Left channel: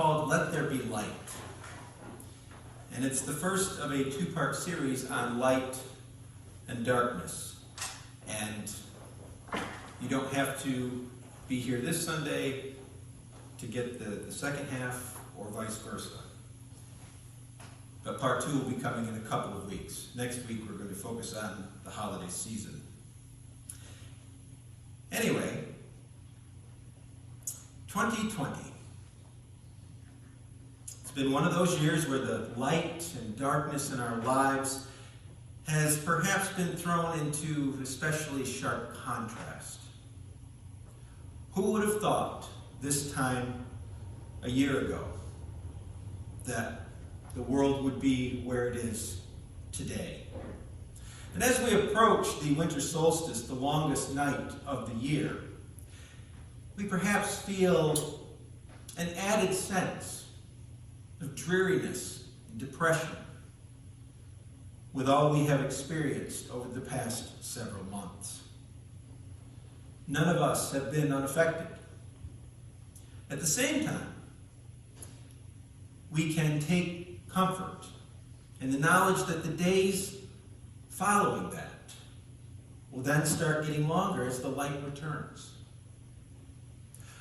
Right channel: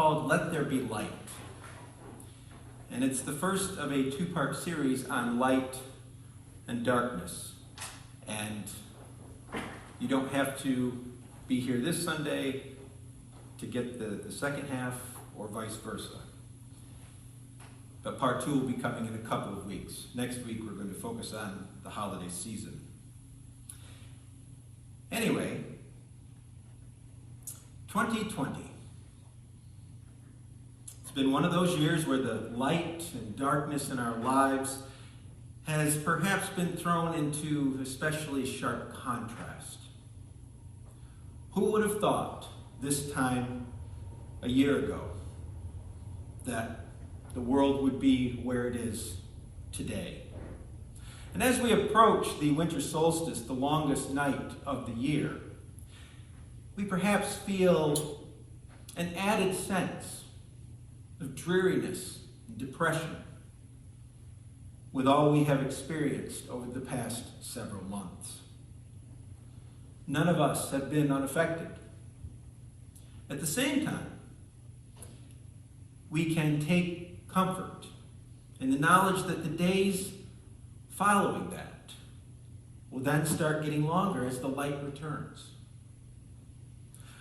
called Let There Be Light. And it's the first of a two-part series on light and darkness. And you don't have to be here this Sunday to get the second half or vice versa. But part 2 will be coming in a couple of weeks. Next week we're going to focus on the holiday season. Anyway, 2020. It's been one of those years where the light and darkness in our lives has perhaps been thrown into especially sharp contrast. Who would have thought this time a year ago that the world would be where it is today? And as we approach the winter solstice, the longest night of the year, we perhaps feel an added sense of dreariness and depression with all we have experienced over the past several months. None of us have been unaffected. At the same time, we can take comfort in the knowledge that the days following that will then start getting longer as the light returns.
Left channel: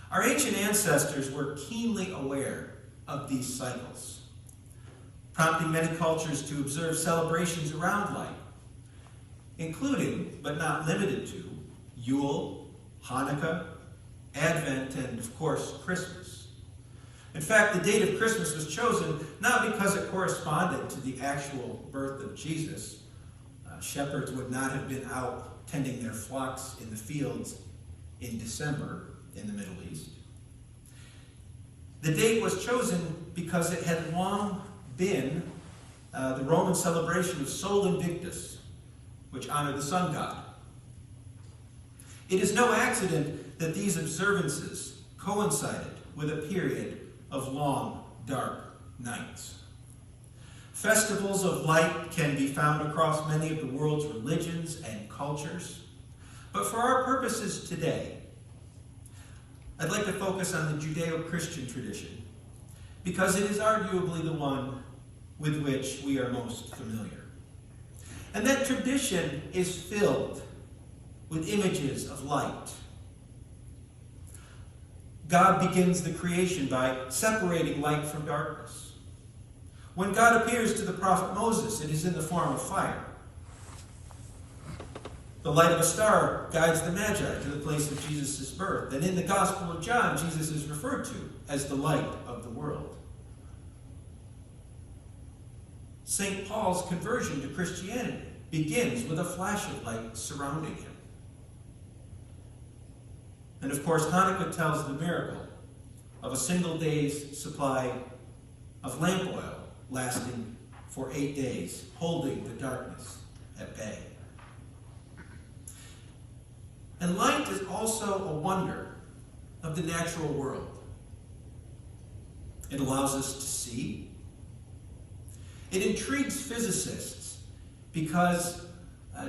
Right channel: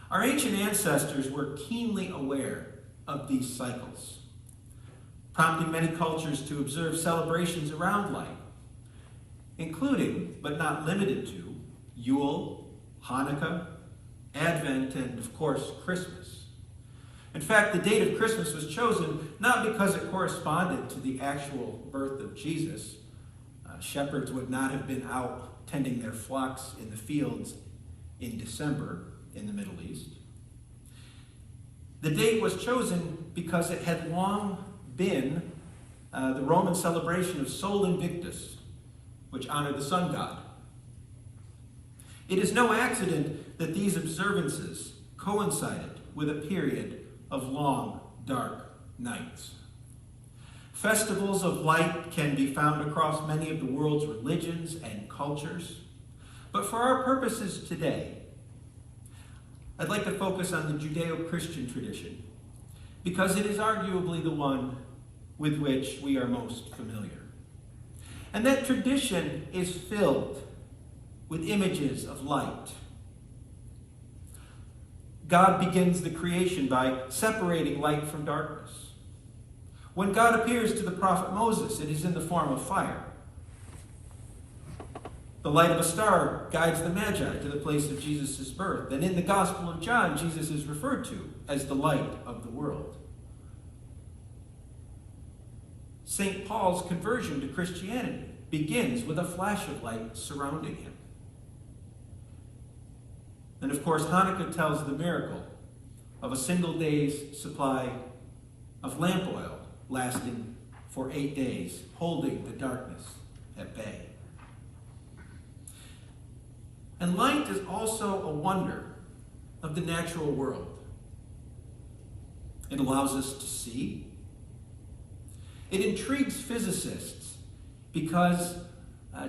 Our ancient ancestors were keenly aware of these cycles, prompting many cultures to observe celebrations around light, including, but not limited to, Yule, Hanukkah, Advent, and of course, Christmas. In fact, the date of Christmas was chosen not because it corresponded to the actual birth of Jesus. Shepherds would not have been out tending their flocks in the fields in December in the Middle East. The date was chosen because it had long been the Roman celebration of Sol Invictus, which honored the sun god. It is no accident that these observances coincided with a period of long, dark nights. Festivals of light can be found across many of the world's religions and cultures. But for our purposes today, I'd like to focus on the Judeo-Christian tradition because it is arguably the one with which we are most familiar. And that tradition is filled with images of light. God begins the creation by separating light from darkness. When God appears to the prophet Moses, it is in the form of fire. The light of a star guides the Magi to the place of Jesus' birth. And in the Gospel of John, Jesus is referred to as the light of the world. St. Paul's conversion to Christianity begins with a flash of light surrounding him. And of course, Hanukkah tells the miracle of a single day's supply of lamp oil lasting for 8 days, holding the darkness at bay. And light is also a wonder of the natural world. It allows us to see. It intrigues physicists because,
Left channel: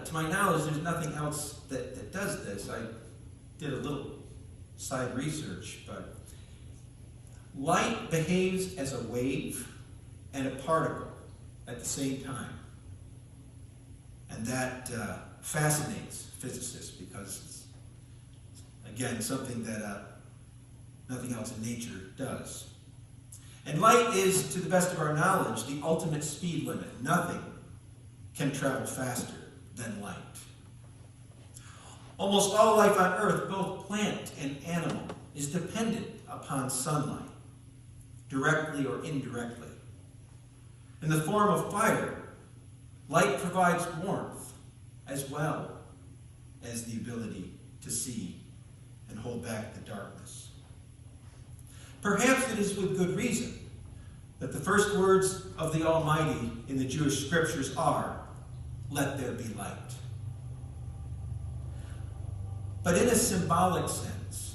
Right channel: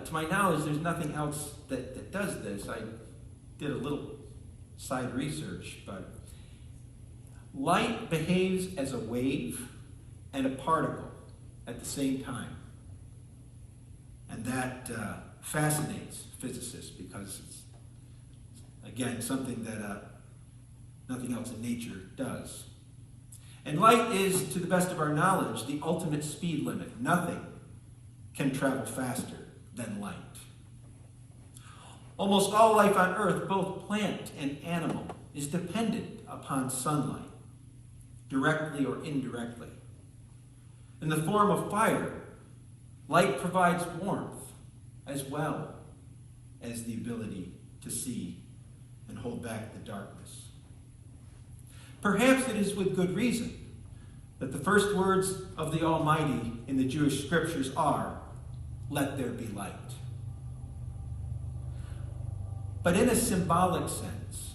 to my knowledge, there's nothing else that does this. I did a little side research, but light behaves as a wave and a particle at the same time. And that fascinates physicists because it's, again, something that nothing else in nature does. And light is, to the best of our knowledge, the ultimate speed limit. Nothing can travel faster than light. Almost all life on Earth, both plant and animal, is dependent upon sunlight, directly or indirectly. In the form of fire, light provides warmth as well as the ability to see and hold back the darkness. Perhaps it is with good reason that the first words of the Almighty in the Jewish scriptures are, "Let there be light." But in a symbolic sense,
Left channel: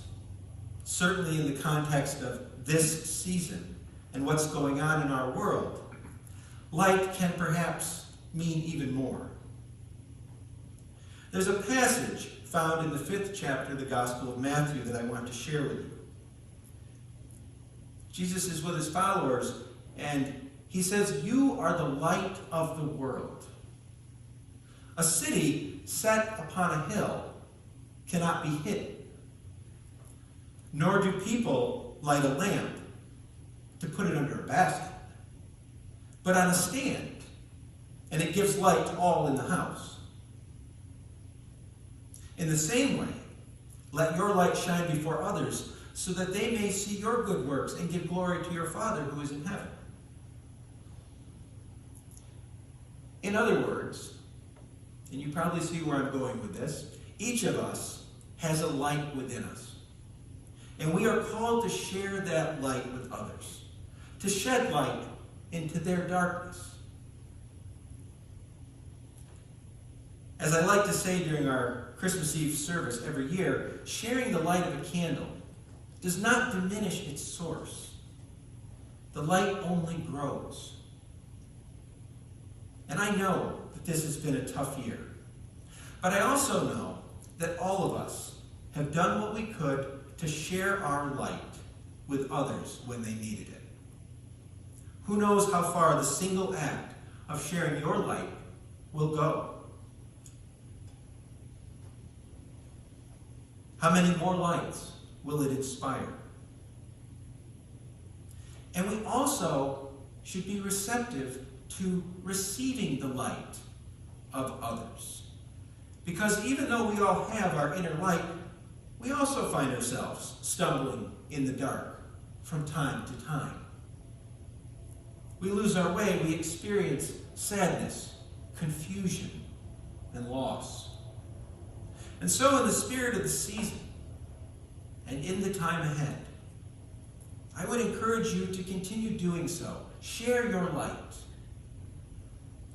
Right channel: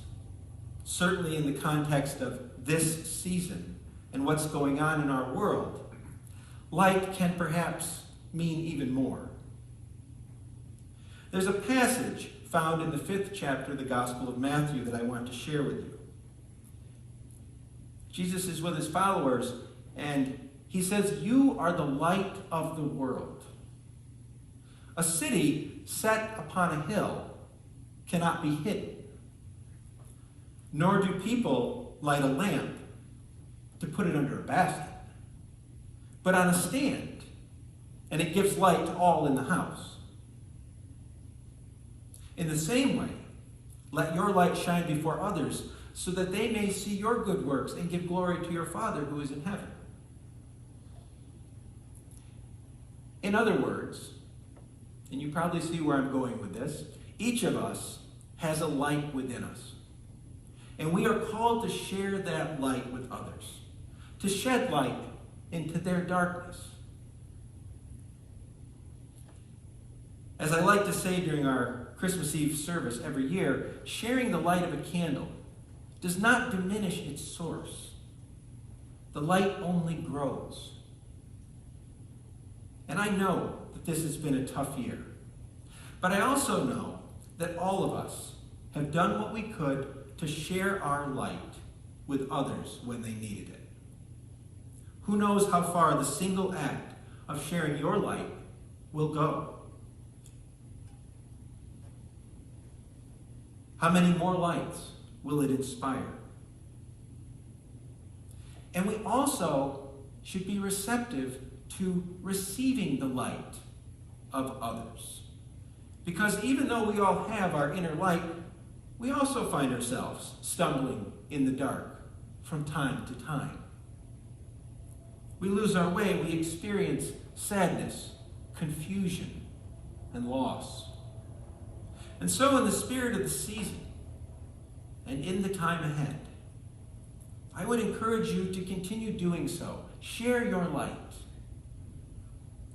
certainly in the context of this season and what's going on in our world, light can perhaps mean even more. There's a passage found in the 5th chapter of the Gospel of Matthew that I want to share with you. Jesus is with his followers, and he says, "You are the light of the world." A city set upon a hill cannot be hidden, nor do people light a lamp to put it under a basket, but on a stand, and it gives light to all in the house. In the same way, let your light shine before others, so that they may see your good works and give glory to your Father who is in heaven. In other words, and you probably see where I'm going with this, each of us has a light within us. And we are called to share that light with others, to shed light into their darkness. As I like to say during our Christmas Eve service every year, sharing the light of a candle does not diminish its source. The light only grows. And I know that this has been a tough year. But I also know that all of us have done what we could to share our light with others when they needed it. Who knows how far the single act of sharing your light will go? How many more lights will it inspire? And we also should be receptive to receiving the light of others. Because even though we all have our inner light, we also find ourselves stumbling in the dark from time to time. We lose our way, we experience sadness, confusion, and loss. And so in the spirit of the season, and in the time ahead, I would encourage you to continue doing so. Share your light.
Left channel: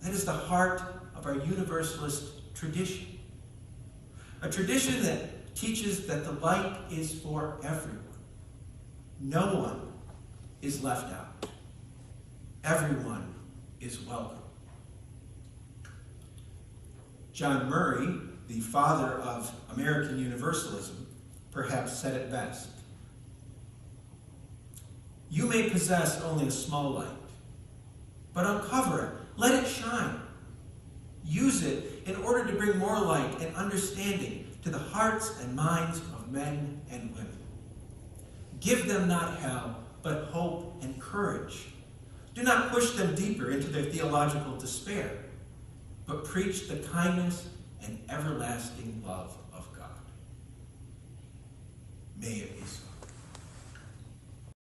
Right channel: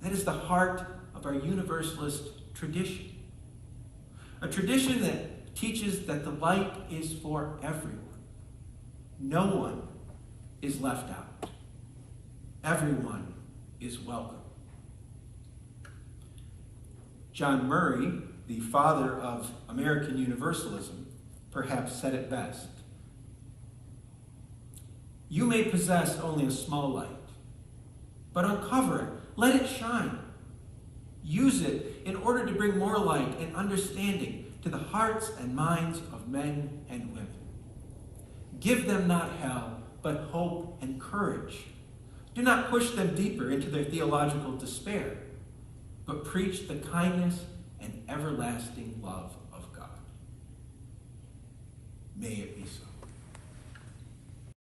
That is the heart of our Universalist tradition. A tradition that teaches that the light is for everyone. No one is left out. Everyone is welcome. John Murray, the father of American Universalism, perhaps said it best. You may possess only a small light, but uncover it. Let it shine. Use it in order to bring more light and understanding to the hearts and minds of men and women. Give them not hell, but hope and courage. Do not push them deeper into their theological despair, but preach the kindness and everlasting love of God. May it be so.